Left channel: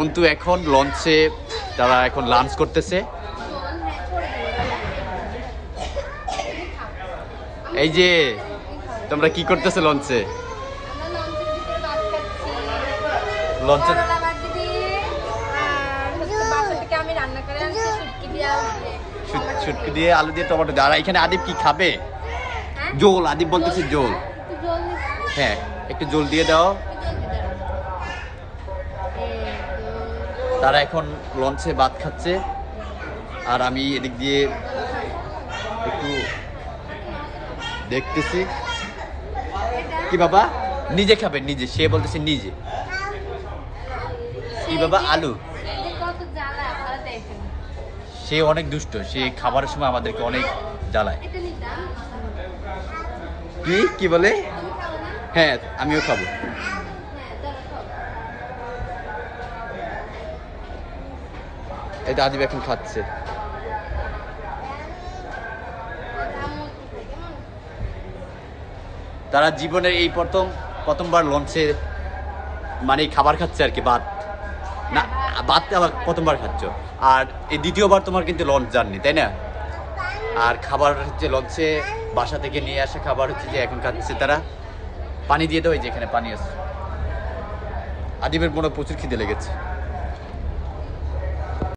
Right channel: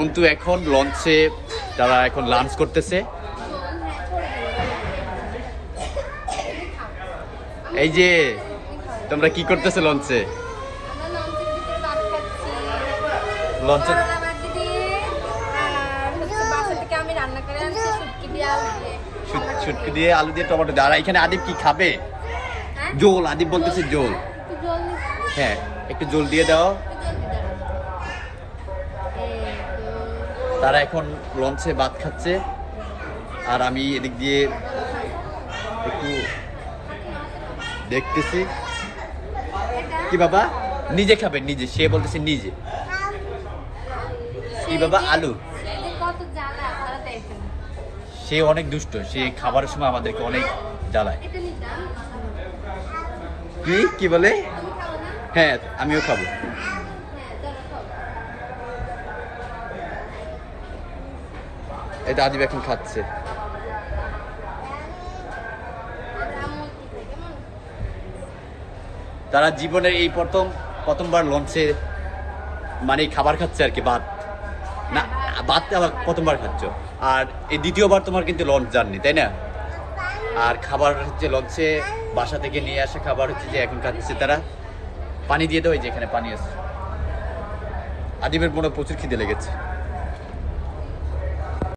অন্তু এখন লঞ্চে তারা এখন লাঞ্চ করতেছে। এই যে তোমরা কি করতেছো লঞ্চে? লঞ্চে শুটকি দিয়ে আলু দিয়ে টমেটো দিয়ে। আর এখানে আদিব কি খাবে? জোল। আদিব বলতেছে জোল। হ্যাঁ একটু জোল দিয়ে দাও। তারা এখন লঞ্চে ভাত খাচ্ছে আর আমি এদিক দিয়ে একটু দেখতেছি। কি বাবা? নিজে খাবে? নিজে? সে বলতেছে নিজে। কি বাবা? আলু। সে অনেক দুষ্ট, সে খাবারের সময় আমাদেরকে অনেক জ্বালায়। কি বলে? হ্যাঁ আমিও খাবো। এটা আদিব এখন খাচ্ছে। তারা জীবনের এই প্রথমবার লঞ্চে মানে খাবার খাচ্ছে আর কি, ভাত না, ভাত আবার প্রথমবার খাচ্ছ। আর এই দ্বিতীয়বার তোমার কিন্তু লঞ্চ জার্নি, তাই না? আর খাবার হচ্ছে লঞ্চে বাসা থেকে নিয়ে আসা খাবার হচ্ছে যে এখন খাচ্ছে তারা। পানি দিয়ে দাও, এই যে এখানে পানি আছে। আদিবের মনে প্রচুর খিদে লেগেছে।